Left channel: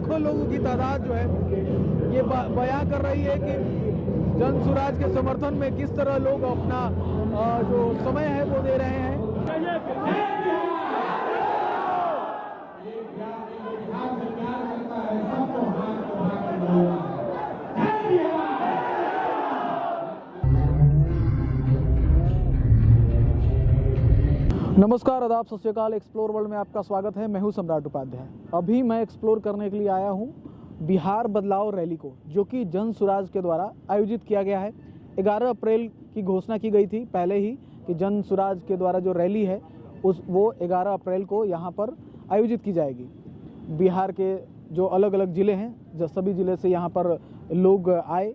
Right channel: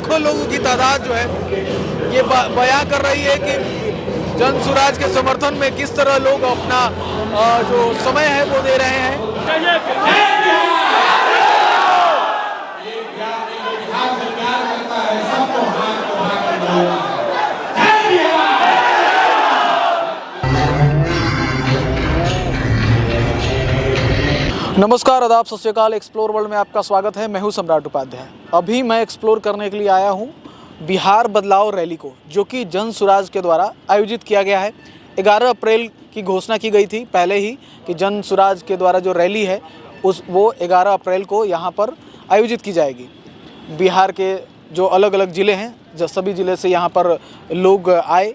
लाखों लोगों की तादाद जो है ये बयां कर रही है कि जन सुराज के समर्थन में किस तरह लोग अपना जो समय है वो दे रहे हैं। नमस्कार, आदाब, सत श्री अकाल। एक्सप्लोर वर्ल्ड में आपका स्वागत है। मैं हूं सम्राट उपाध्याय। अभी मैं एक्सप्लोर करने के लिए आया हूं बिहार बदलाव रैली को, जो कि जन सुराज के द्वारा आयोजित किया गया है। 11 अप्रैल की घोषणा की गई थी पहले ही कि जन सुराज के द्वारा जो रैली है वो 11 अप्रैल को यहाँ पर आयोजित की जाएगी। बिहार के जो अलग अलग ज़िले हैं, जो सभी ज़िले से यहाँ पर लोग आए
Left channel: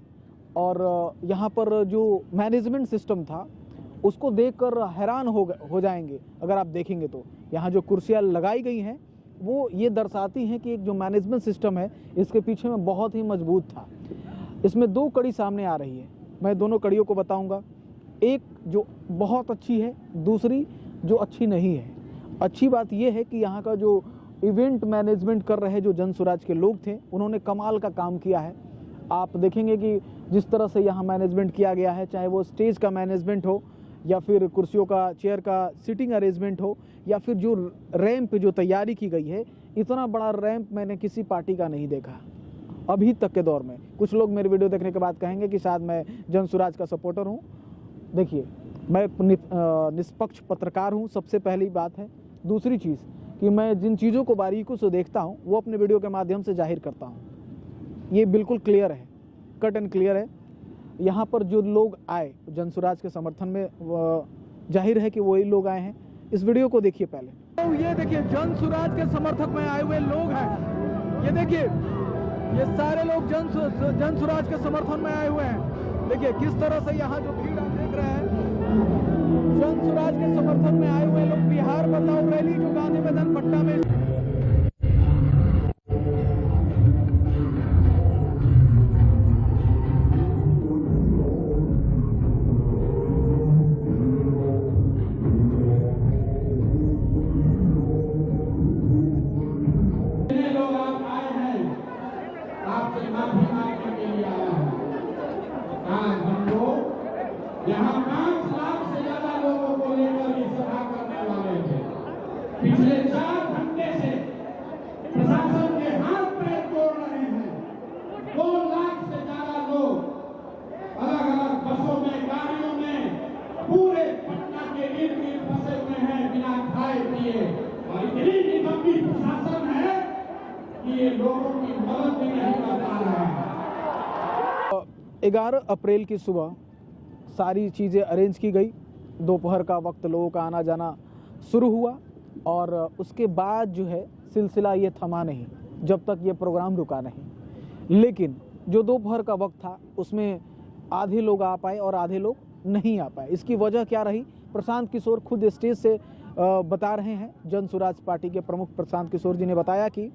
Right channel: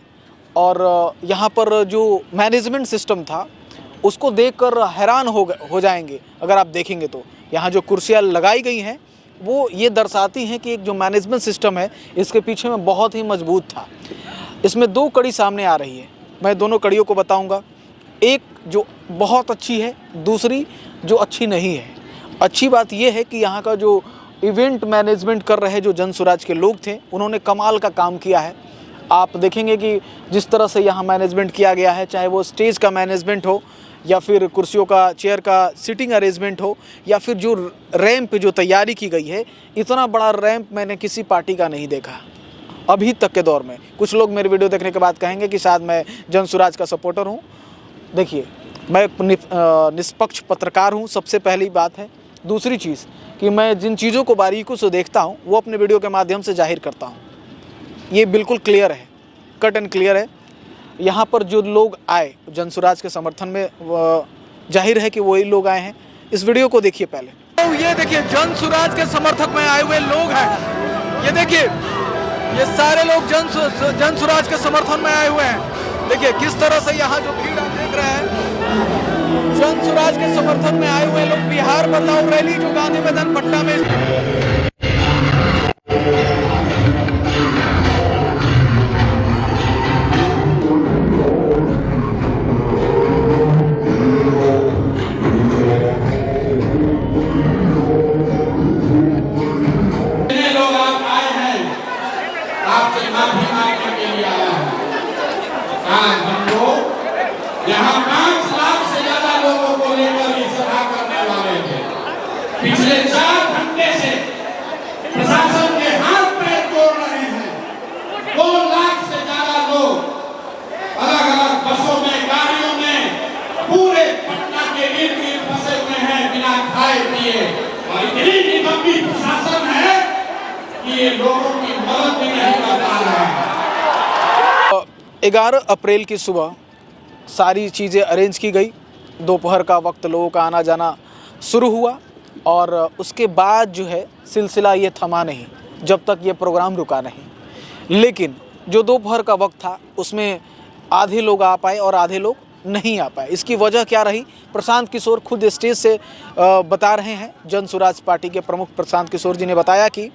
और यहाँ पर जो मैनेजमेंट सिस्टम था उसको देखकर हैरान हो जाएंगे। अगर आप देखेंगे तो यहाँ जो कुर्सियाँ लगाई गई हैं वो ये दर्शाती हैं कि एक जो मैनेजमेंट सिस्टम है इसके पीछे में बहुत ही मजबूत था। इसमें 2 कड़ी सामने आ रही है, मैं दोनों कड़ियों को बताऊंगा। एक जो बहुत अच्छी है, दूसरी जो अच्छी नहीं है। अच्छी बात यह है कि यहाँ का जो इवेंट मैनेजमेंट कर रहे जो जन सुराज के लोग थे उन्होंने कमाल का काम किया है। आप देखेंगे कि जिस तरह से यहाँ मैनेजमेंट किया गया है, चाहे वो स्टेज का मैनेजमेंट हो या फिर कुर्सियों का, चेयर का सीटिंग अरेंजमेंट हो या फिर जो रैंप जो तैयारी की गई है, इतना बड़ा रैंप मैंने किसी पार्टी का नहीं देखा अभी तक के दौर में। कुछ लोग मेरे वीडियो देखने के बाद कहेंगे कि शायद मैं जन सुराज का सपोर्टर हूँ। देखिए, मैं एक निष्पक्ष पत्रकार हूँ, सबसे पहली बात है। दूसरी चीज़ कि मैं जिन चीज़ों को बारीकों से देखता हूँ वो अपने वीडियो के माध्यम से जाहिर करता हूँ। ये बिल्कुल क्लियर है, कट एंड क्लियर है। यहाँ पर जो लोग आए जन सुराज के समर्थन में, जाहिर है कि वही लोग आए हैं। इस वीडियो को देखिए पहले। तो ये देखिए जन सुराज के समर्थक में आए हुए लोग हैं। ये देखिए, ये सारे लोग जन सुराज के समर्थन में आए हुए हैं। देखिए किस तरह से यहाँ जो भीड़ आप देख रहे हैं, जन सुराज के समर्थन में आए हुए लोग। बिहार बदलाव रैली जो गांधी मैदान पटना में यहाँ 5 लाख से ज्यादा लोगों को लेकर ये सभा करने वाले थे। पिछले 4 घंटे से प्रशासन के हाथ पैर तोड़ रहे हैं। 2 लाख से ज्यादा लोग अलग अलग बसों में, गाड़ियों में पूरे पटना के इर्द गिर्द फंसे हुए हैं बिना खाए पिए। और इतनी निकम्मी प्रशासन है कि ये लोगों की मदद भी नहीं कर पा रहा है। 11 अप्रैल की सुबह सारी चीज़ें अरेंज की गई। दोपहर का वक्त लोगों का आना जाना शुरू हुआ और उसके बाद जो है सिलसिला ये थमा नहीं जब तक ये प्रोग्राम रुका नहीं। लेकिन जो दोपहर का वक्त था उसमें आधे लोग आ पाए और आधे लोग नहीं आ पाए। इसकी वजह क्या रही, प्रशांत किशोर खुद स्टेज से बता रहे हैं। जन सुराज पार्टी के प्रमुख प्रशांत किशोर जी ने बताया कि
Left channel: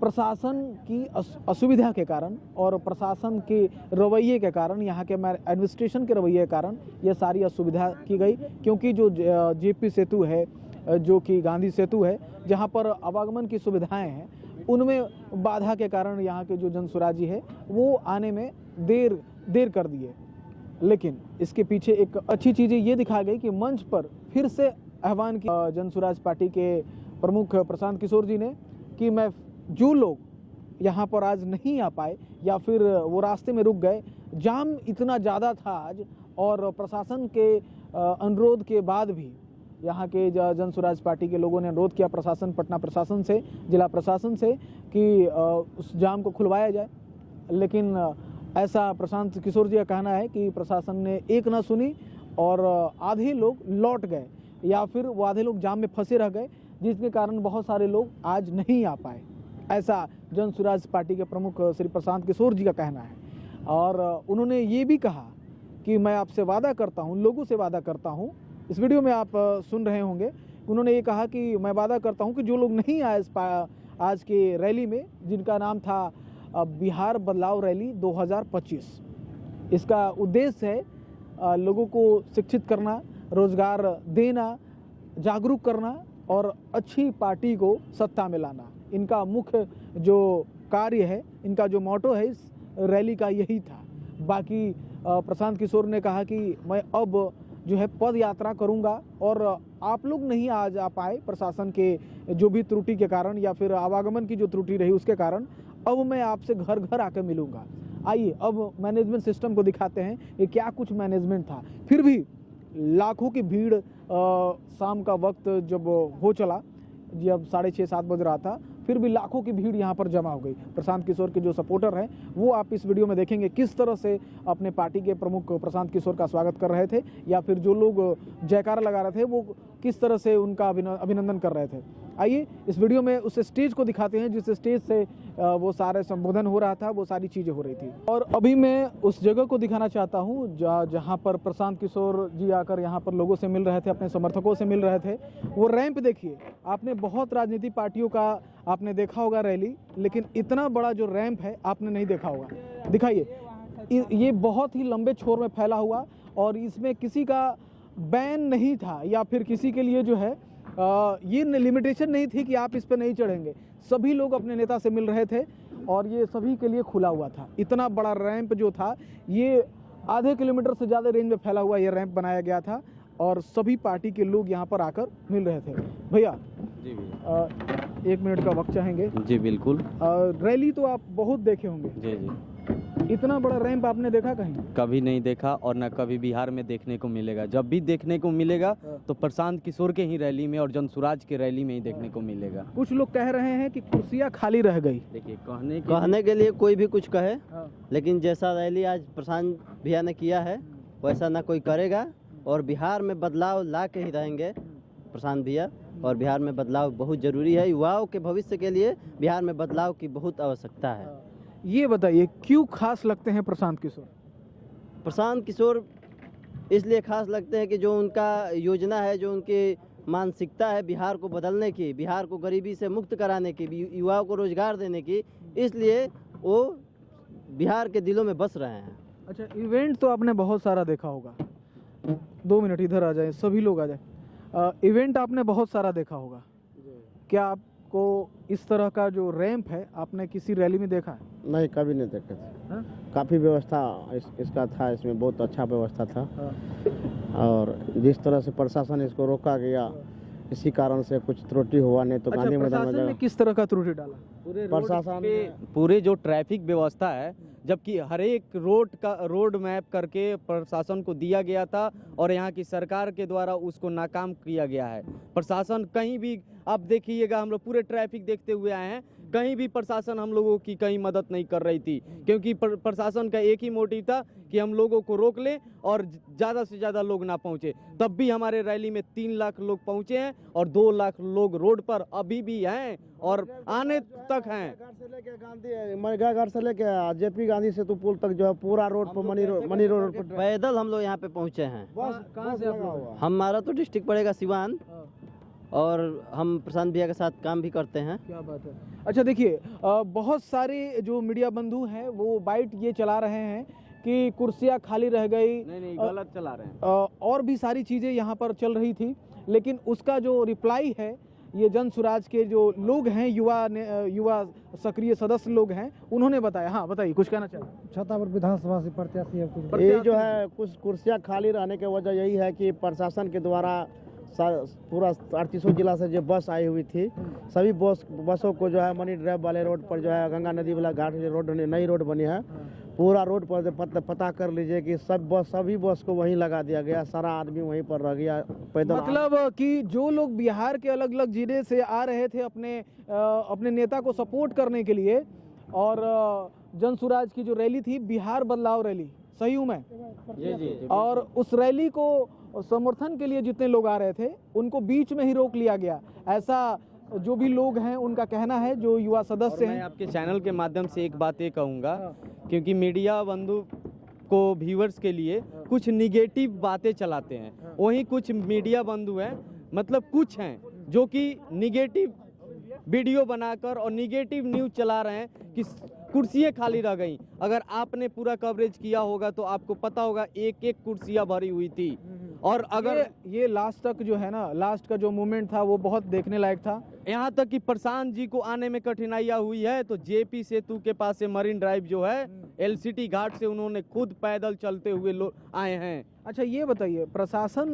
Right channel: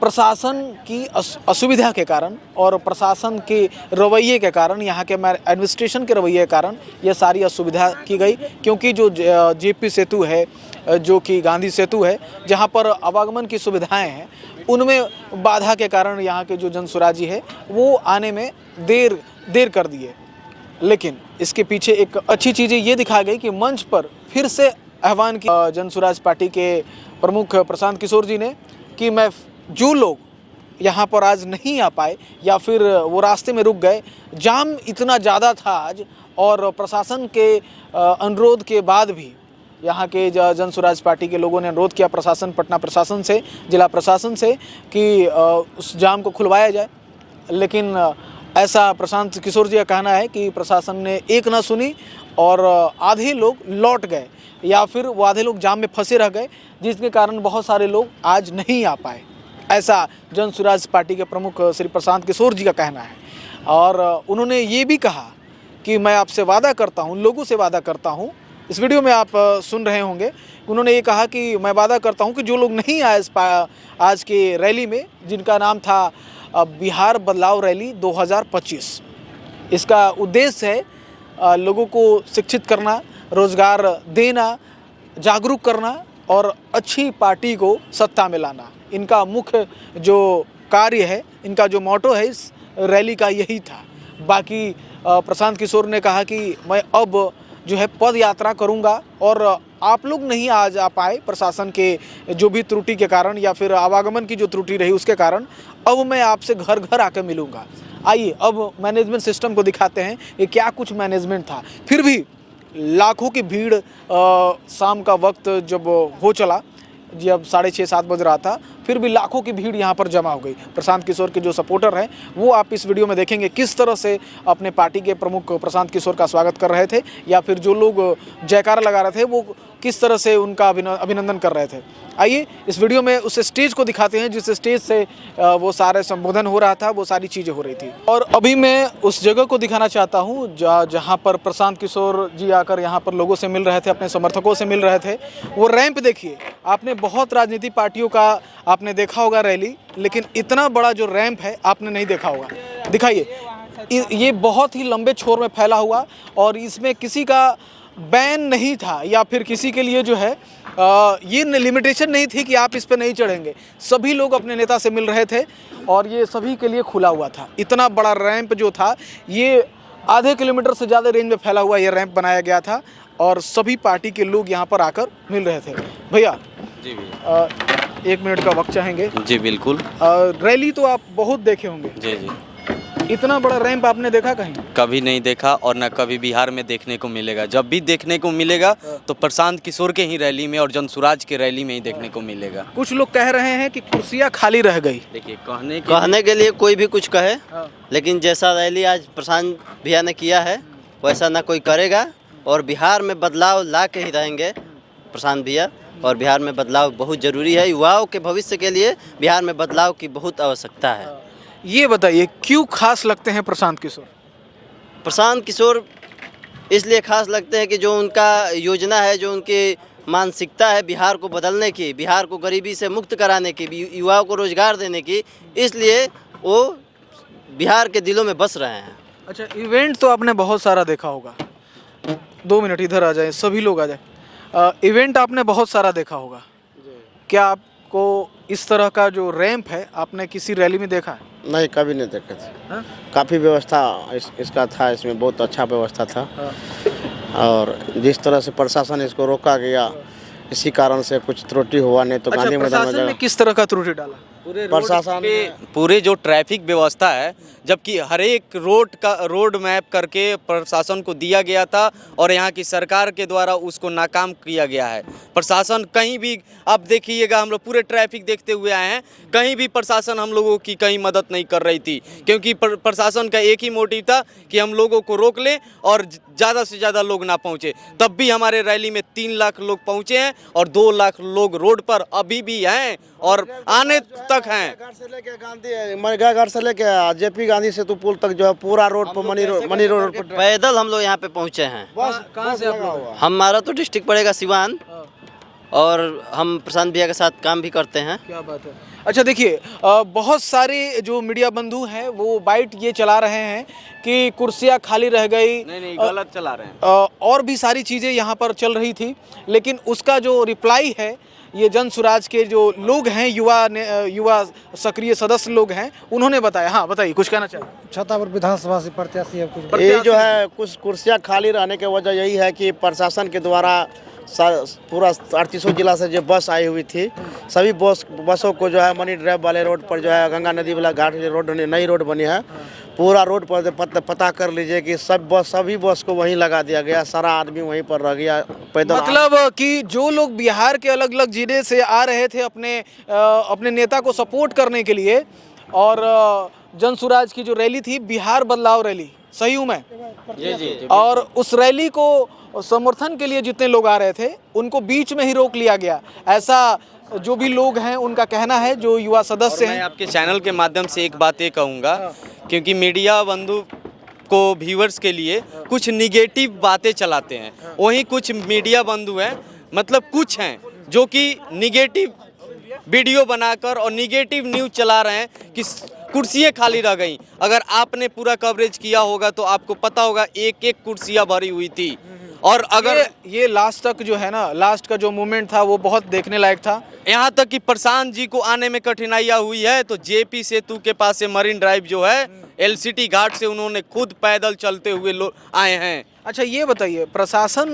प्रशासन की असुविधा के कारण और प्रशासन के रवैये के कारण, यहाँ के एडमिनिस्ट्रेशन के रवैये के कारण ये सारी असुविधा की गई। क्योंकि जो जेपी सेतु है, जो कि गांधी सेतु है, जहाँ पर आवागमन की सुविधाएं हैं, उनमें बाधा के कारण यहाँ के जो जन सुराजी है वो आने में देर कर दिए। लेकिन इसके पीछे एक अच्छी चीज़ ये दिखा गई कि मंच पर फिर से आह्वान किया जन सुराज पार्टी के प्रमुख प्रशांत किशोर जी ने कि मैं जो लोग यहाँ पर आज नहीं आ पाए या फिर वो रास्ते में रुक गए, जाम इतना ज़्यादा था आज और प्रशासन के अनुरोध के बाद भी यहाँ के जन सुराज पार्टी के लोगों ने अनुरोध किया प्रशासन, पटना प्रशासन से, जिला प्रशासन से कि उस जाम को खुलवाया जाए। लेकिन ऐसा प्रशांत किशोर जी का कहना है कि प्रशासन ने एक ना सुनी और आधे लोग लौट गए या फिर वो आधे लोग जाम में फंसे रह गए, जिसके कारण बहुत सारे लोग आज नहीं आ पाए। ऐसा जन सुराज पार्टी के प्रमुख श्री प्रशांत किशोर जी का कहना है। और उन्होंने ये भी कहा कि मैं आपसे वादा करता हूँ, लोगों से वादा करता हूँ। इस वीडियो में आप सुन रहे होंगे, उन्होंने ये कहा कि मैं वादा करता हूँ कि जो लोग नहीं आए आज के रैली में, जिनका नाम था बिहार बदलाव रैली 2025, इसका उद्देश्य है लोगों को शिक्षित करना, रोजगार देना, जागरूक करना और अच्छी पार्टी को सत्ता में लाना। इनका मुख्य जो कार्य है, इनका जो मोटो है इस रैली का यही था। बाकी प्रशांत किशोर ने कहा कि मैं अब जो है पद यात्रा करूंगा और आप लोग नहीं आ जा पाए प्रशासन के जो भी त्रुटि के कारण या फिर आवागमन की जो त्रुटि रही उसके कारण, अब मैं आपसे घर घर आकर मिलूंगा। आइए अब मैनेजमेंट सिस्टम को दिखाते हैं ये क्या कुछ मैनेजमेंट था। फिर भी लाखों की भीड़ शाम का वक्त जब हो चला, जब 6:30-7 बज रहा था, फिर भी लाखों की भीड़ यहाँ पर जमा हो गई। प्रशांत किशोर के जो सपोर्टर हैं वो आप इस वीडियो में देखेंगे किस तरह से अपने पार्टी के प्रमुख प्रशांत किशोर का स्वागत कर रहे थे, या फिर जो लोग जयकारा लगा रहे थे वो किस तरह से उनका अभिनंदन कर रहे थे। आइए इस वीडियो में उस स्टेज को दिखाते हैं जिस स्टेज से वो सारे संबोधन हो रहा था, वो सारी चीज़ें हो रही थी। और अभी मैं उस जगह को दिखाना चाहता हूँ जहाँ पर प्रशांत किशोर जी आकर यहाँ पर लोगों से मिल रहे थे, अपने समर्थकों से मिल रहे थे। वो रैंप देखिए, आपने बहुत राजनीतिक पार्टियों का आपने देखा होगा रैली, लेकिन इतना बड़ा जो रैंप है आपने नहीं देखा होगा। दिखाइए, ये बहुत ही लंबे छोर में फैला हुआ और इसमें किसी का बैन नहीं था या फिर किसी के लिए जो है ये लिमिटेशन नहीं थी कि आप इस पर नहीं चढ़ेंगे। सभी लोग अपने नेता से मिल रहे थे और ये सभी के लिए खुला हुआ था। इतना बड़ा रैंप जो था, ये आधे किलोमीटर से ज़्यादा रेंज में फैला हुआ ये रैंप बनाया गया था और सभी पार्टी के लोग यहाँ पर आकर मिल रहे थे। भैया जी भैया 1 मिनट का वक्त चाहेंगे? जी बिल्कुल। रैली तो आप बहुत देखे होंगे, जी जी, इतना बड़ा रैंप आपने देखा कहीं? कभी नहीं देखा और न कभी बिहार में देखने को मिलेगा। जब भी देखने को मिलेगा तो प्रशांत किशोर के ही रैली में और जनसुराज के रैली में ही देखने को मिलेगा। कुछ लोग कह रहे हैं कि कुर्सियाँ खाली रह गई। देखिए, कहने के लिए कोई भी कुछ कहे, लेकिन जैसा रैली आज प्रशांत भैया ने किया है वैसा ना कोई करेगा और बिहार में बदलाव ला के ही रहेंगे प्रशांत भैया। और बिहार में बदलाव बहुत ज़रूरी है, युवाओं के भविष्य के लिए बिहार में बदलाव की बहुत आवश्यकता है। ये बताइए क्यों खास लगते हैं प्रशांत किशोर? प्रशांत किशोर इसलिए खास लगते हैं कि जो उनका योजना है, जो उनकी मानसिकता है बिहार को बदलने की, बिहार को गरीबी से मुक्त कराने की, युवाओं को रोजगार देने की, इसलिए वो बिहार के दिलों में बस रहे हैं। अच्छा, इवेंट तो आपने बहुत सारा देखा होगा। 2 मिनट इधर आ जाए, सभी लोग आ जाए। इवेंट आपने बहुत सारा देखा होगा, क्या आपको इस तरह का जो रैंप है आपने किसी रैली में देखा है? नहीं, कभी नहीं देखे थे। हाँ? काफ़ी व्यवस्था इसका था, इसमें बहुत अच्छा व्यवस्था था। हाँ। और जिस तरह से प्रशासन इसको रोका गया, इसी कारण से कुछ त्रुटि हुआ, नहीं तो अच्छा, गांधी मैदान में प्रशासन ने जगह किस तरह का त्रुटि डाला? प्रशासन पूरे जो ट्रैफिक व्यवस्था है, जबकि हर एक रोड मैप करके प्रशासन को दिया गया था और यहाँ की सरकार के द्वारा उसको नाकाम किया गया है। प्रशासन कहीं भी, आप देखिएगा, हम लोग पूरे ट्रैफिक देखते हुए आए हैं, कहीं भी प्रशासन हम लोगों की कहीं मदद नहीं कर रही थी, क्योंकि प्रशासन का एक ही मोटिव था कि हम लोगों को रोक लें और ज़्यादा से ज़्यादा लोग ना पहुँचे। तब भी हमारे रैली में 3 लाख लोग पहुँचे हैं और 2 लाख लोग रोड पर अभी भी हैं और आने तक हैं। घाट से लेके गांधी घाट से लेके जेपी गांधी सेतु पुल तक जो है पूरा रोड पर मनी रोड पर पैदल हम लोग यहाँ पे पहुँचे हैं। कहाँ से आप लोग? हमारा तो डिस्ट्रिक्ट पड़ेगा सिवान और हम प्रशांत भैया के साथ काम भी करते हैं। क्या बात है। अच्छा देखिए, बहुत सारे जो मीडिया बंधु हैं वो बाइट ये चला रहे हैं कि कुर्सियाँ खाली रह गई। नहीं, गलत चला रहे हैं। और भी सारी चीज़ें यहाँ पर चल रही थी, लेकिन उसका जो रिप्लाई है ये जनसुराज के जो लोग हैं, युवा सक्रिय सदस्य लोग हैं, उन्होंने बताया। हाँ बताइए, कुछ कहना चाहिए? छतापुर विधानसभा से प्रत्याशी है कुछ। ये जो है कुछ कुर्सियाँ खाली रहने की वजह यही है कि प्रशासन के द्वारा पूरा 38 जिला से जो बस आई हुई थी, सभी बसों को जो है मनी ड्राइव वाले रोड पर जो है गंगा नदी वाला घाट रोड, नई रोड बनी है, पूरा रोड पर पता कर लीजिए कि सभी बस को वहीं लगा दिया गया, सारा आदमी वहीं पर रह गया पैदल। मतलब कि जो लोग बिहार के अलग अलग जिले से आ रहे थे अपने नेता को सपोर्ट करने के लिए, और जनसुराज की जो रैली थी बिहार बदलाव रैली, सही हूँ मैं? जी। और उस रैली को समर्थन के लिए जितने लोग आ रहे थे उनको बीच में ही रोक लिया गया, ऐसा जो भी लोग हैं उनका कहना है, जो युवा सदस्य मैं हैं। आपके चैनल के माध्यम से एक बात ये कहूँगा, क्योंकि मीडिया बंधु को व्यूअर्स के लिए कुछ निगेटिव बातें चलाते हैं, वहीं कुछ मीडिया बंधु हैं, मतलब कुछ हैं जो कि निगेटिव वीडियो बनाकर और निगेटिव न्यूज़ चला रहे हैं कि कुर्सियाँ खाली रह गई। अगर आपने पूरा कवरेज किया होगा तो आपको पता होगा एक एक कुर्सियाँ भरी हुई थी और अगर ये लास्ट तक जो है ना, लास्ट का जो मोमेंट था वो बहुत देखने लायक था। यहाँ तक कि प्रशांत जी को आने में कठिनाइयाँ हुई है तो जेपी सेतु के पास से मरीन ड्राइव जो है एलसीटी घाट से उन्होंने खुद पैदल चलते हुए आए हैं। अच्छा ये बताइए, प्रशासन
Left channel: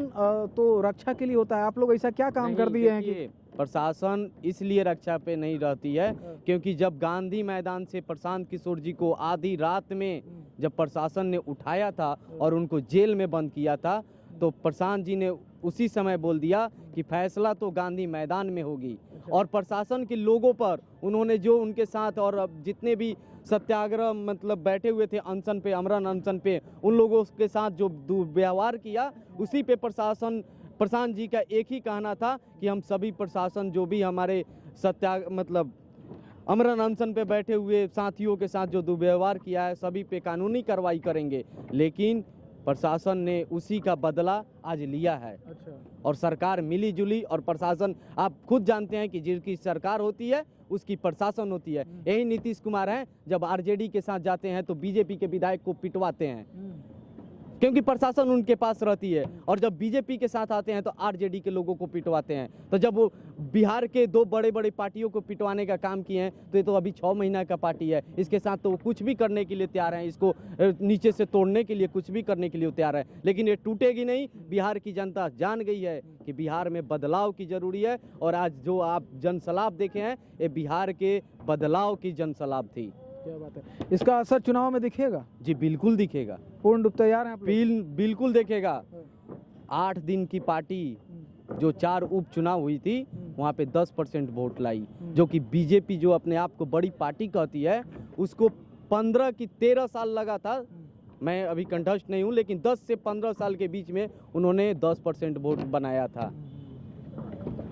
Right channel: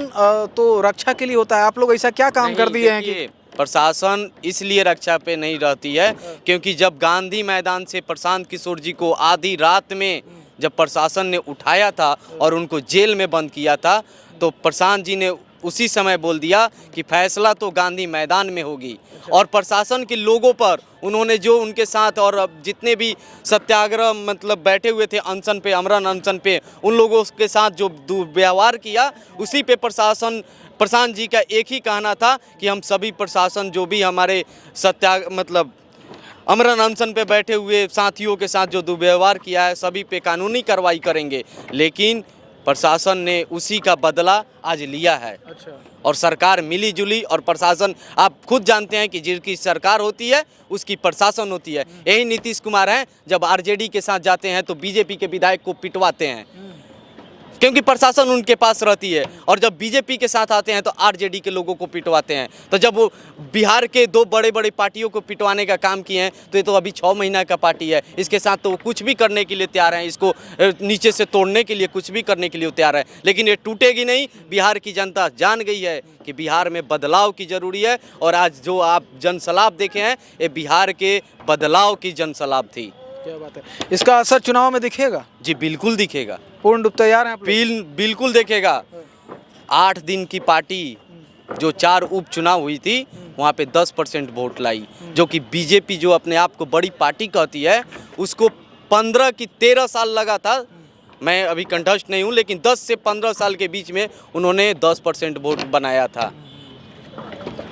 तो रक्षा के लिए होता है, आप लोग ऐसा क्या काम कर दिए हैं कि देखिए, प्रशासन इसलिए रक्षा पे नहीं रहती है क्योंकि जब गांधी मैदान से प्रशांत किशोर जी को आधी रात में जब प्रशासन ने उठाया था और उनको जेल में बंद किया था तो प्रशांत जी ने उसी समय बोल दिया कि फैसला तो गांधी मैदान में होगी। और प्रशासन के लोगों पर उन्होंने जो उनके साथ और जितने भी सत्याग्रह मतलब बैठे हुए थे अनशन पे, अमरन अनशन पे, उन लोगों के साथ जो दुर्व्यवहार किया उसी पे प्रशांत जी का एक ही कहना था कि हम सभी प्रशासन जो भी हमारे मतलब अमरन अनशन पे बैठे हुए साथियों के साथ जो दुर्व्यवहार किया है सभी पे कानूनी कार्रवाई करेंगे। लेकिन प्रशासन ने उसी का बदला आज लिया है। अच्छा। और सरकार मिली जुली और प्रशासन आप खुद जानते हैं कि जिसकी सरकार होती है उसकी प्रशासन होती है। यही नीतीश कुमार हैं, जब आरजेडी के साथ जाते हैं तो बीजेपी के विधायक को पिटवाते हैं क्योंकि प्रशासन उनके पास रहती है, और जब बीजेपी के साथ आते हैं तो आरजेडी के लोगों को पिटवाते हैं। तो जब वो बिहार के दो बड़े बड़े पार्टियों को पिटवाने का काम किए हैं तो ये तो अभी 6 महीना का पार्टी है, इसके साथ तो वो कुछ भी करने के लिए तैयार हैं, इसको नीचे से तोड़ने के लिए कुछ भी करने के लिए तैयार है। लेकिन ये टूटेगी नहीं। बिहार की जनता जान गई है कि बिहार में बदलाव की ज़रूरी है, और आज जो आप जनसलाब देखे हैं ये बिहार के बदलाव की जनसलाब थी। क्या बात है, इसका असर चुनाव में दिखेगा? जी बिल्कुल दिखेगा, पूर्ण रूप तैयार हैं आप लोग? बिल्कुल देखेगा। 8 दिन की पार्टी जो 4 उपचुनाव हुई थी वहाँ पे 10% वोट लाई, जो कि बीजेपी जो अपने आप को बड़ी पार्टी कहती है उसको 15 की 13 साल लगा था। मैं अभी कंठस्थ नहीं हूँ लेकिन 10 से 15 साल के बीच में उन्होंने 10% वोट बनाया था।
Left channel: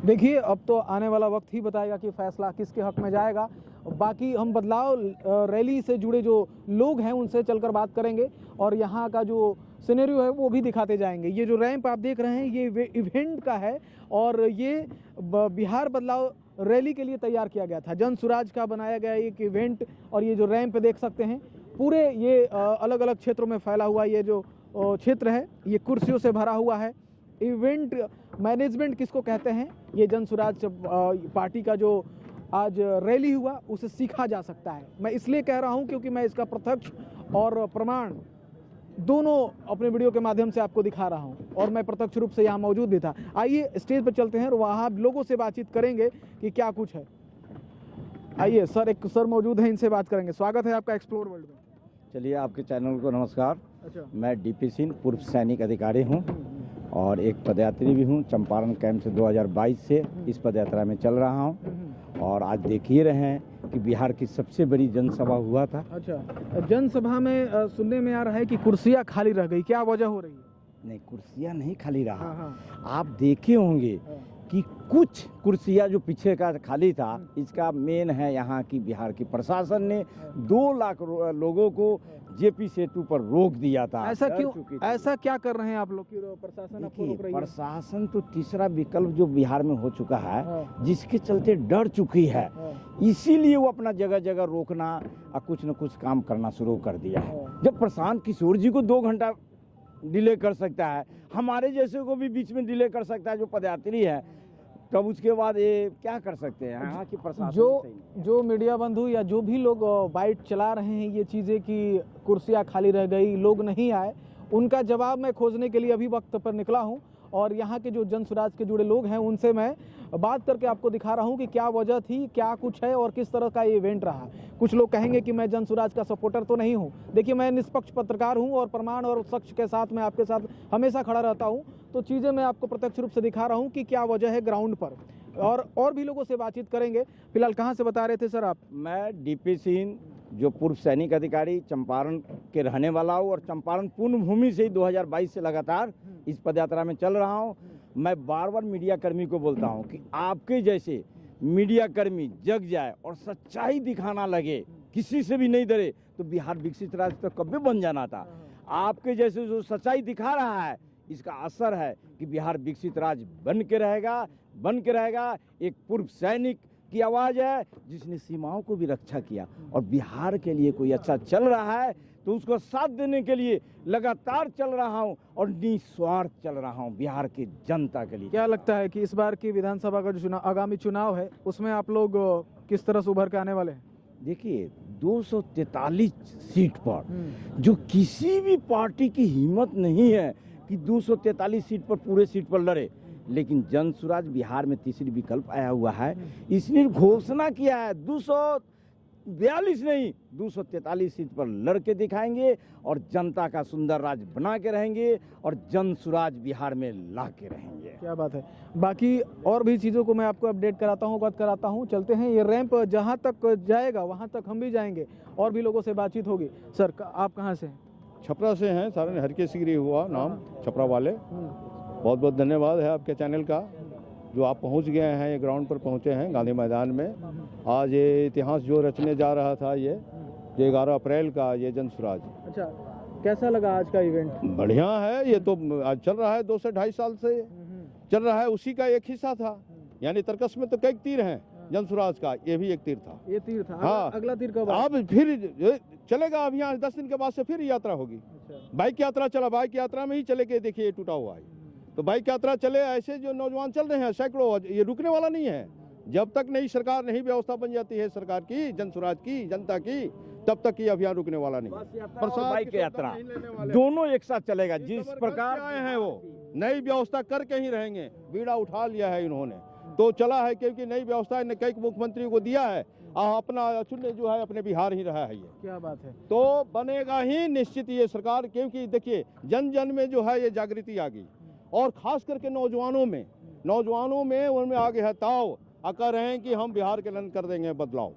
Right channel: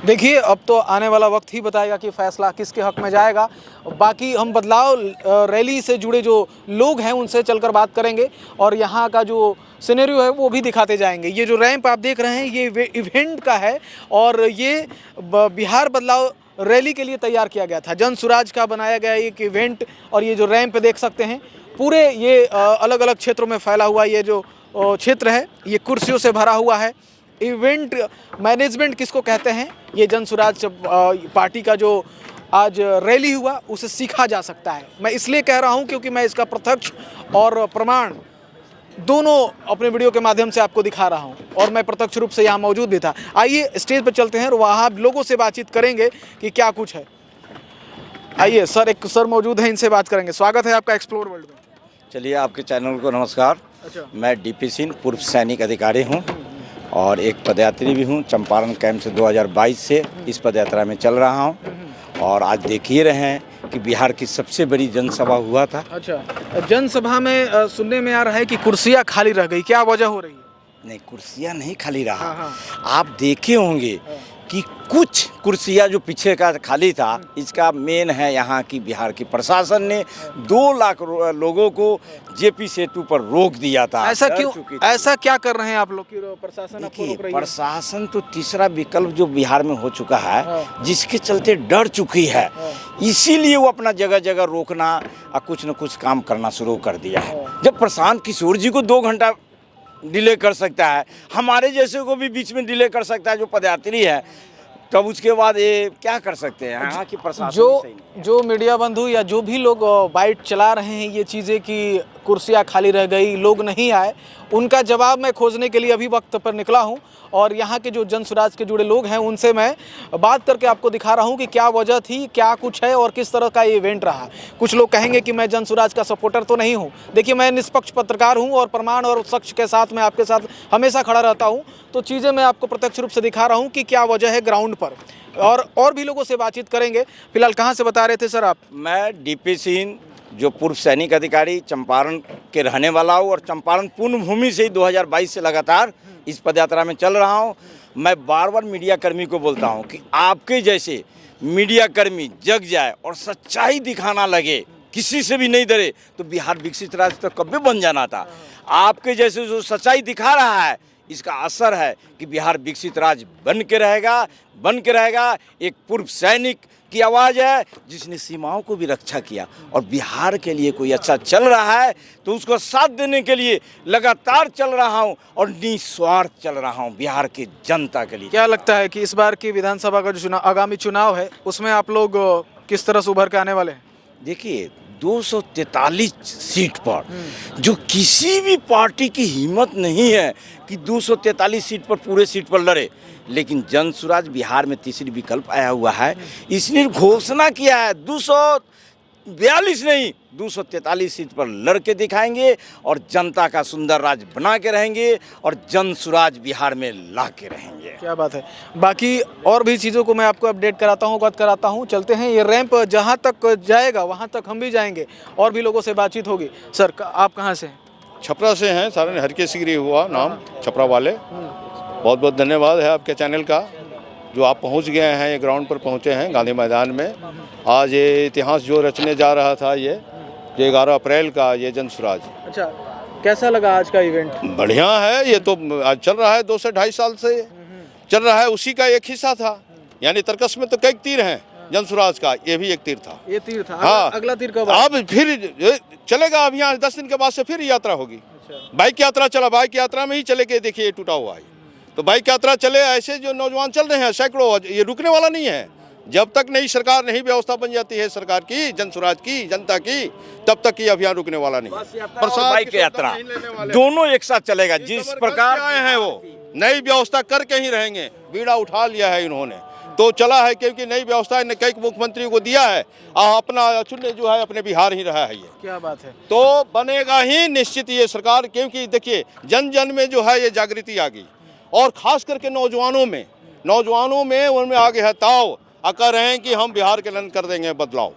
देखिए अब तो आने वाला वक्त ही बताएगा कि फैसला किसके हक में जाएगा। बाकी हम बदलाव रैली से जुड़े जो लोग हैं उनसे चलकर बात करेंगे और यहाँ का जो सिनेरियो है वो भी दिखाते जाएंगे। ये जो रैंप आप देख रहे हैं ये इवेंट का है और ये बिहार बदलाव रैली के लिए तैयार किया गया था। जन सुराज का बनाया गया एक इवेंट, और ये जो रैंप देख सकते हैं पूरे ये अलग अलग क्षेत्रों में फैला हुआ ये जो क्षेत्र है ये कुर्सियों से भरा हुआ है। इवेंट मैनेजमेंट किसको कहते हैं, ये जन सुराज पार्टी का जो आज रैली हुआ उसे सीखा जा सकता है। मैं इसलिए कह रहा हूं क्योंकि मैं इसका प्रत्यक्ष और प्रमाण दोनों अपने वीडियो के माध्यम से आपको दिखा रहा हूं, और मैं प्रत्यक्ष रूप से यहाँ मौजूद भी था। आइए स्टेज पर चलते हैं और वहाँ लोगों से बातचीत करेंगे कि क्या कुछ है। आइए सर, एक सर मौजूद हैं, इनसे बात करेंगे। स्वागत है आपका एक्सप्लोर वर्ल्ड में। चलिए, आपके चैनल को नमस्कार। अच्छा। मैं डीपी सिंह पूर्व सैनिक अधिकारी हूं और एक पदयात्री भी हूं। चंपारण कैंप से 2022 से इस पदयात्रा में चल रहा हूं और आज देख ही रहे हैं कि बिहार की सबसे बड़ी जनसभा हुआ था। अच्छा, जनसभा में सुनने में आ रहा है कि कुर्सियां खाली रह गई, क्या वजह हो रही है? नहीं, कुर्सियां नहीं खाली रहा। हाँ। आप देखे होंगे कि कुछ कुर्सियां जो पीछे का खाली था, इसका मेन है यहाँ की बिहार की प्रशासन ने 2 लाख लोगों को जेपी सेतु पर रोक दिया था। ऐसा क्यों, ऐसा क्या कर रहे हैं आप लोग की प्रशासन आपको रोक रही है? प्रशासन तो तीसरा विकल्प जो बिहार में हो चुका है, जिसके चलते डर चुकी है, इसीलिए वो अपना जगह जगह रोकना और कुछ न कुछ काम करना शुरू कर दिया है। जब प्रशांत किशोर जी को 2 घंटा डिले कर सकता है, हमारे जैसे को भी बीच में डिले कर सकता है जो पदयात्री है, तब उसके बाद ये क्या कर सकते हैं? यहाँ की प्रशासन जो मीडिया बंधु या जो भी लोग बाइट चला रहे हैं ये चीज़ें कि कुर्सियाँ खाली रह गई, लोग नहीं आए, उनका जवाब मैं खोजने के लिए अभी वक्त पर निकला हूं और यहाँ के जो जन सुराज के जुड़े लोग हैं उनसे मैं बात करके आपको दिखा रहा हूं कि क्या वजह थी, क्या कुछ है और किस तरह का ये इवेंट रहा। कुछ लोग कहेंगे कि मैं जन सुराज का सपोर्टर तो नहीं हूं। देखिए, मैं निष्पक्ष पत्रकार हूं और प्रमाण और सच के साथ मैं आपके साथ हमेशा खड़ा रहता हूं, तो चीज़ें मैं आपको प्रत्यक्ष रूप से दिखा रहा हूँ कि क्या वजह है ग्राउंड पर, और भी लोगों से बातचीत करेंगे। फिलहाल कहाँ से बता रहे थे सर आप? मैं डीपी सिंह, जो पूर्व सैनिक अधिकारी, चंपारण के रहने वाला हूँ और चंपारण पुण्यभूमि से ही 2022 से लगातार इस पदयात्रा में चल रहा हूँ। मैं बार बार मीडिया कर्मी को बोलता हूँ कि आपके जैसे मीडिया कर्मी जग जाए और सच्चाई दिखाना लगे, किसी से भी नहीं डरे, तो बिहार विकसित राज्य तो कभी बन जाना था। आपके जैसे जो सच्चाई दिखा रहा है इसका असर है कि बिहार विकसित राज्य बन के रहेगा। एक पूर्व सैनिक की आवाज़ है जिसने सीमाओं को भी रक्षा किया, और बिहार के लिए कोई अच्छा चल रहा है तो उसको साथ देने के लिए लगातार चल रहा हूं और निस्वार्थ चल रहा हूं बिहार की जनता के लिए। क्या लगता है कि इस बार की विधानसभा का जो चुनाव, आगामी चुनाव है, उसमें आप लोग किस तरह से उभर के आने वाले हैं? देखिए 243 सीट पर जो किसी भी पार्टी की हिम्मत नहीं है कि 243 सीट पर पूरे सीट पर लड़े, लेकिन जन स्वराज बिहार में तीसरी विकल्प आया हुआ है। इसने घोषणा किया है 242 नहीं 243 सीट पर लड़के दिखाएंगे और जनता का सुंदर राज बना के रहेंगे और जन स्वराज बिहार में ला के रहेंगे। क्या बात है। बाकी और भी चीज़ों को मैं आपको अपडेट कराता हूँ, अवगत कराता हूँ। चलते हैं, ये रैंप जहाँ तक जाएगा वहाँ तक हम भी जाएंगे और भी लोगों से बातचीत होगी। सर आप कहाँ से हैं? छपरा से हैं, सारे हरके सिगरी हुआ नाम, छपरा वाले। बहुत बहुत धन्यवाद है आपके चैनल का, जो आप पहुंच गए हैं, ये ग्राउंड पर पहुंचे हैं गांधी मैदान में। आज ये इतिहास जो रचने जा रहा था, ये 11 अप्रैल का ये जन स्वराज। अच्छा, कैसा लगा आज का इवेंट? बढ़िया है, ये तो आज चल रहा है 2 से 2.5 साल से चल रहा है, उसी का एक हिस्सा था। यानी तर्कस में तो कई तीर हैं जन स्वराज का, ये भी एक तीर था। ये तीर था। हाँ, अगला तीर कब? अब फिर चलेगा, अब यहाँ 10 दिन के बाद से फिर यात्रा होगी। बाइक यात्रा चला, बाइक यात्रा में ही चले के देखिए टूटा हुआ है, तो बाइक यात्रा चले। ऐसे जो नौजवान चल रहे हैं सैकड़ों, ये रुकने वाला नहीं है। जब तक नई सरकार, नई व्यवस्था बन जाती है सरकार की, जन स्वराज की, जनता की, तब तक ये अभियान रुकने वाला नहीं। बाइक यात्रा दोनों एक साथ चलेगा। जिस प्रकार आए हैं वो नई व्यवस्था करके ही रहेंगे। बीड़ा उठा लिया है इन्होंने, तो चला है, क्योंकि नई व्यवस्था ने कई मुख्यमंत्री को दिया है, अपना चुने जो है अपने बिहार ही रहा है। ये क्या बात है। तो बनेगा ही निश्चित ये सरकार, क्योंकि देखिए जन जन में जो है ये जागृति आ गई, और खास करके नौजवानों में उनमें आगे है ताव, कह रहे हैं कि हम बिहार के लन कर देंगे बदलाव।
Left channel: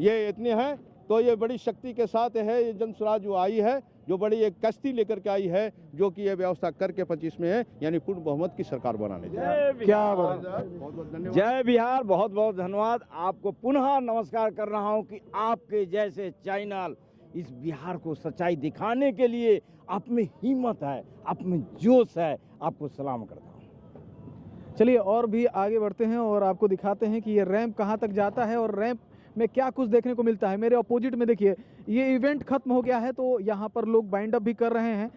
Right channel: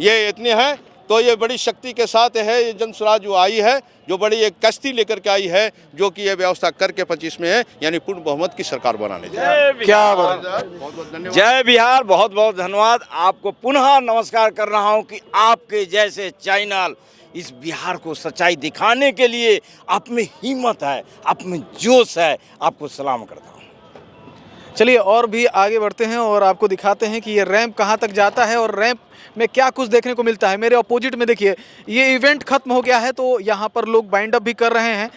ये इतने हैं, तो ये बड़ी शक्ति के साथ है ये जन स्वराज जो आई है, जो बड़ी एक कश्ती लेकर के आई है, जो कि ये व्यवस्था करके 25 में है, यानी पूर्ण बहुमत की सरकार बनाने जा रही है। क्या बात। बहुत बहुत धन्यवाद। जय बिहार, बहुत बहुत धन्यवाद। आपको पुनः नमस्कार कर रहा हूं कि आपके जैसे चैनल इस बिहार को सच्चाई दिखाने के लिए आप में हिम्मत है, आप में जोश है, आपको सलाम करता हूं। चलिए और भी आगे बढ़ते हैं और आपको दिखाते हैं कि ये रैंप कहाँ तक जाता है और रैंप में क्या कुछ देखने को मिलता है। मेरे अपोजिट में देखिए, ये इवेंट खत्म हो गया है, तो यहाँ पर लोग बाइंड अप भी कर रहे हैं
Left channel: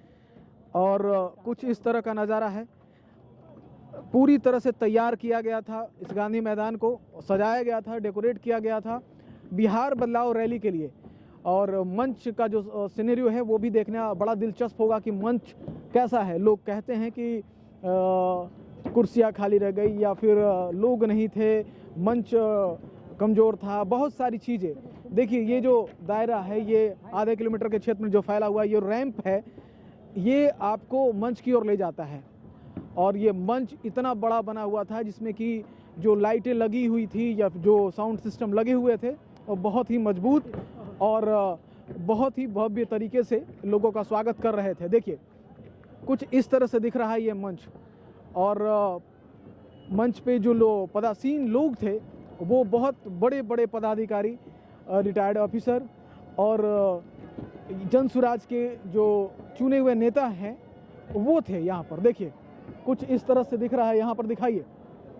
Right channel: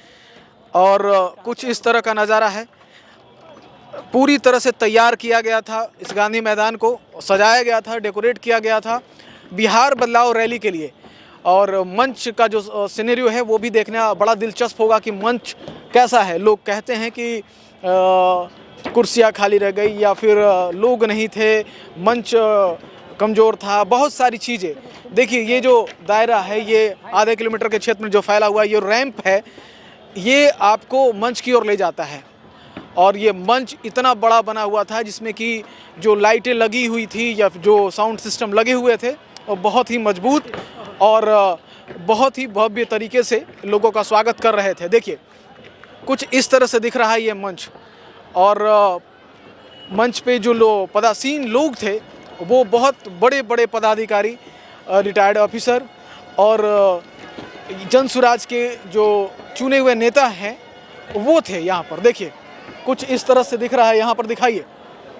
और कुछ इस तरह का नज़ारा है। पूरी तरह से तैयार किया गया था, इस गांधी मैदान को सजाया गया था, डेकोरेट किया गया था बिहार बदलाव रैली के लिए। और मंच का जो सिनेरियो है वो भी देखना बड़ा दिलचस्प होगा कि मंच कैसा है। लोग कहते हैं कि कुर्सियाँ खाली रह गई या फिर लोग नहीं थे, मंच कमज़ोर था, बहुत सारी चीज़ें। देखिए ये जो दायरा है, ये आधे किलोमीटर के क्षेत्र में जो फैला हुआ ये रैंप है, ये आपको मंच की ओर ले जाता है। और ये मंच इतना बड़ा बना हुआ था जिसमें कि जो लाइटें लगी हुई थी या जो साउंड सिस्टम लगे हुए थे वो बहुत ही मजबूत और बहुत ही भव्य तरीके से लोगों का स्वागत कर रहे थे। देखिए कुछ इस तरह से दिख रहा है ये मंच, और मंच पे जो पदासीन लोग थे वो बहुत बड़े बड़े पदाधिकारी, रिटायर्ड ऑफिसर और जन स्वराज के जो चुने हुए नेता हैं वो थे यहाँ पर। देखिए कुछ इस तरह से दिख रहा है, यहाँ पर दिखाइए।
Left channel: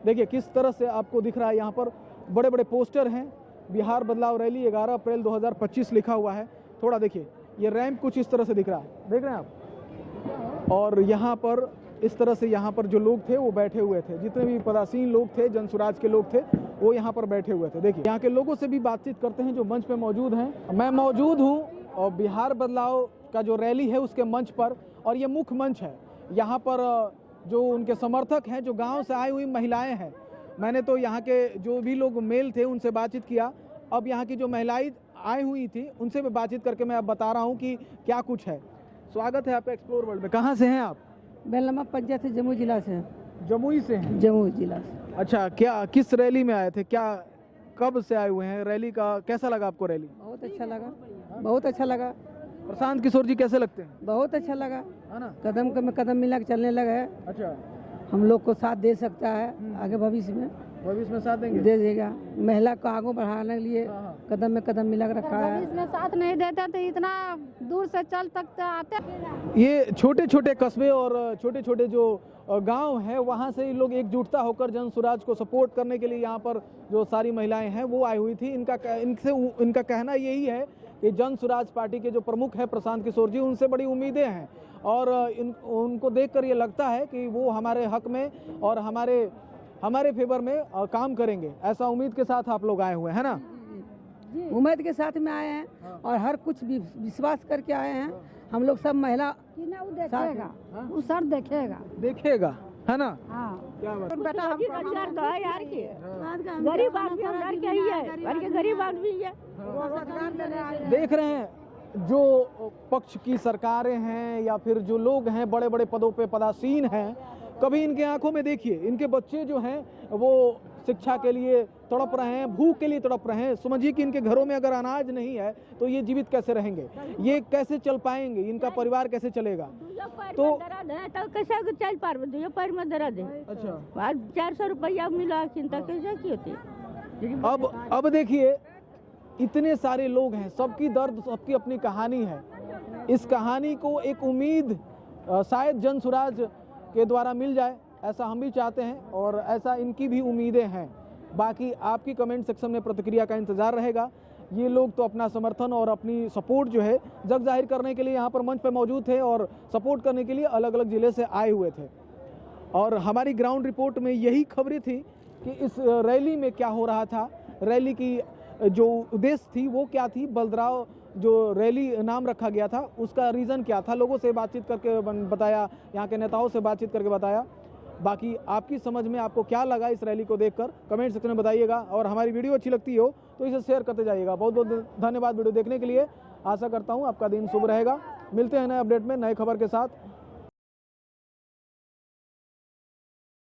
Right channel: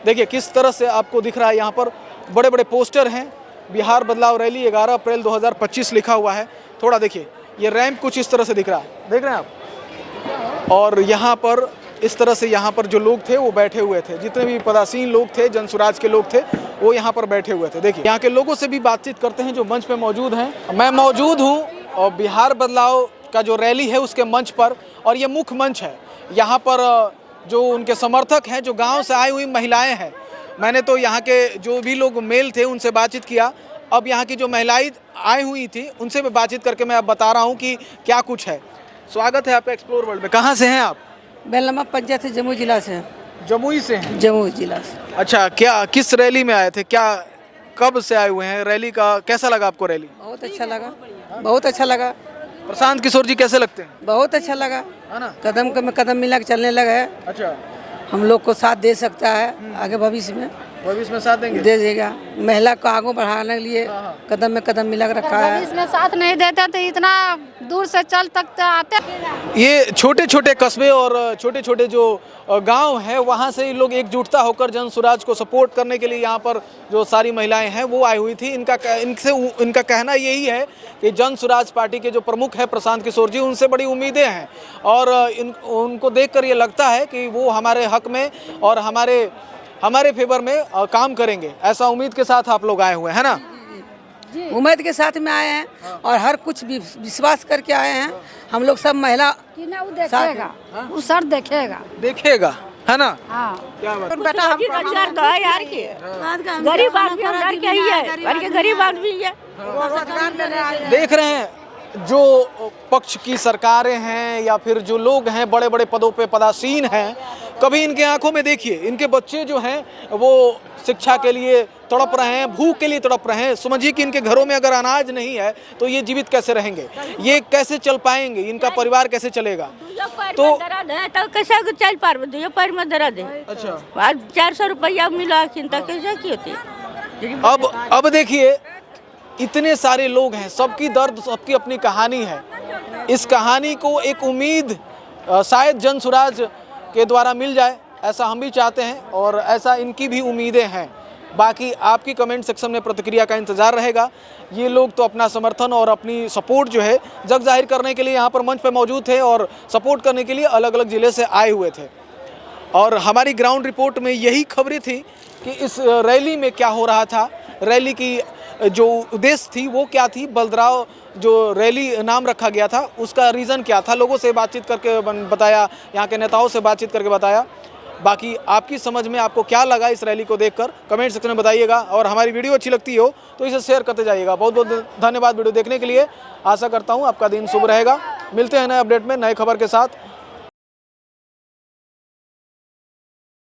देखिए किस तरह से आपको दिख रहा है, यहाँ पर बड़े बड़े पोस्टर हैं, बिहार बदलाव रैली 11 अप्रैल 2025 लिखा हुआ है। थोड़ा देखिए, ये रैंप कुछ इस तरह से दिख रहा है, देख रहे हैं आप। और यहाँ पर इस तरह से यहाँ पर जो लोग थे वो बैठे हुए थे, जितने भी पदासीन लोग थे, जन स्वराज के लोग थे, वो यहाँ पर बैठे हुए थे। देखिए यहाँ के लोगों से भी बातचीत करते हैं जो मंच पे मौजूद हैं। मैं मौजूद हूँ और बिहार बदलाव का जो रैली है उसके मंच पर, और ये मुख्य मंच है। यहाँ पर जो उनके समर्थक हैं, जो गाँव से आई हुई महिलाएँ हैं, मैंने तो यहाँ के जो भी लोग मेल थे उनसे बातचीत किया। अब यहाँ की जो महिलाएं आई हुई थी उनसे मैं बातचीत करके मैं अब बता रहा हूँ कि क्या कुछ है। स्वागत है आपका एक्सप्लोर वर्ल्ड में। कहाँ से हैं आप? बेलमा पंचायत से, जमुई जिला से। जमुई से हैं? जमुई जिला से। अच्छा, क्या किस रैली में आए थे, क्या कब से आए हुए हैं? रैली का कैसा लगा आपको? रैली बहुत अच्छा लगा, बहुत अच्छा लगा। प्रशांत किशोर जी कैसे लगते हैं? बहुत अच्छा लगा, है ना? कदम में कदम मिला के चलने लगा है। अच्छा, हम लोग को साथ दे सकता है आगे भविष्य में। भविष्य में साथ देंगे? दे देगा। महिला को आगे बढ़ाने के लिए कदम में कदम मिला के रखा है। इसमें साथ नहीं देते तो इतना दूर से चल तक आते। ये छोटे छोटे कस्बे और छोटे छोटे जो गांव हैं वहां से ही लोग एकजुटता होकर जन स्वराज को सपोर्ट करने के लिए यहाँ पर जो सारी महिलाएं हैं वो आई हुई थी। इनका कहना यही है कि जन स्वराज पार्टी के जो प्रमुख है प्रशांत किशोर जी, उनसे बड़ी उम्मीदें हैं और उनको देखकर ये लगता है कि वो हमारे हक में और हमारे फेवर में काम करेंगे। ऐसा उम्मीद के साथ आप लोग आए हुए हैं ना? उम्मीद के साथ में आए हैं और हर कुछ विश्वास करके आए हैं। हम लोग सब महिला देखेगा, वो सर देखेगा, है ना? हाँ। क्या बात? बेटा हम गरीब आदमी गरीब आदमी है। देख रहे हैं जो पक्ष की सरकारें हैं या फिर जो लोग हैं बड़े बड़े पदों पे पदासीन हैं, कभी इनके आंखों में देखिए इनके बच्चे जो हैं वो शिक्षा के लिए तड़प रहे हैं, भूख के लिए तड़प रहे हैं। समझिए कि इनके घरों में अगर अनाज नहीं है तो ये जीवित कैसे रहेंगे, ये कैसे चल पाएंगे, इनका परिवार कैसे चलेगा? तो कैसे चल पा रहे? दो पैर में दर्द है। अच्छा, आज 400 रुपया मिला, चिंता कैसे की होती? अब देखिए इतने सारे लोग हैं, सबकी दर्द, सबकी अपनी कहानी है। इस कहानी को एक उम्मीद शायद जन स्वराज के द्वारा मिल जाए, ऐसा हम भी चाहते हैं और ऐसा इनकी भी उम्मीदें हैं। बाकी आपकी कमेंट सेक्शन में प्रतिक्रिया का इंतज़ार रहेगा। ये लोग तो अपना समर्थन और अपनी सपोर्ट जो है जग जाहिर करने के लिए यहाँ पर मंच पर मौजूद थे और सपोर्ट करने के लिए अलग अलग ज़िले से आए हुए थे। और हमारी ग्राउंड रिपोर्ट में यही खबरें थी कि इस रैली में क्या हो रहा था, रैली की जो उद्देश्य थी वो क्या थी, बलदराव जो रैली नाम रखा गया था उसका रीज़न क्या था, लोगों से बातचीत करके बताया, यहाँ के नेताओं से बातचीत करके बताया। बाकी आपकी समझ में आपको क्या लगा इस रैली को देखकर कमेंट सेक्शन में बताइएगा और हमारी वीडियो अच्छी लगती हो तो इसे शेयर करते जाइएगा। बहुत बहुत धन्यवाद वीडियो देखने के लिए। आशा करता हूँ आपका दिन शुभ रहेगा। मिलते हैं नए अपडेट में नए खबर के साथ।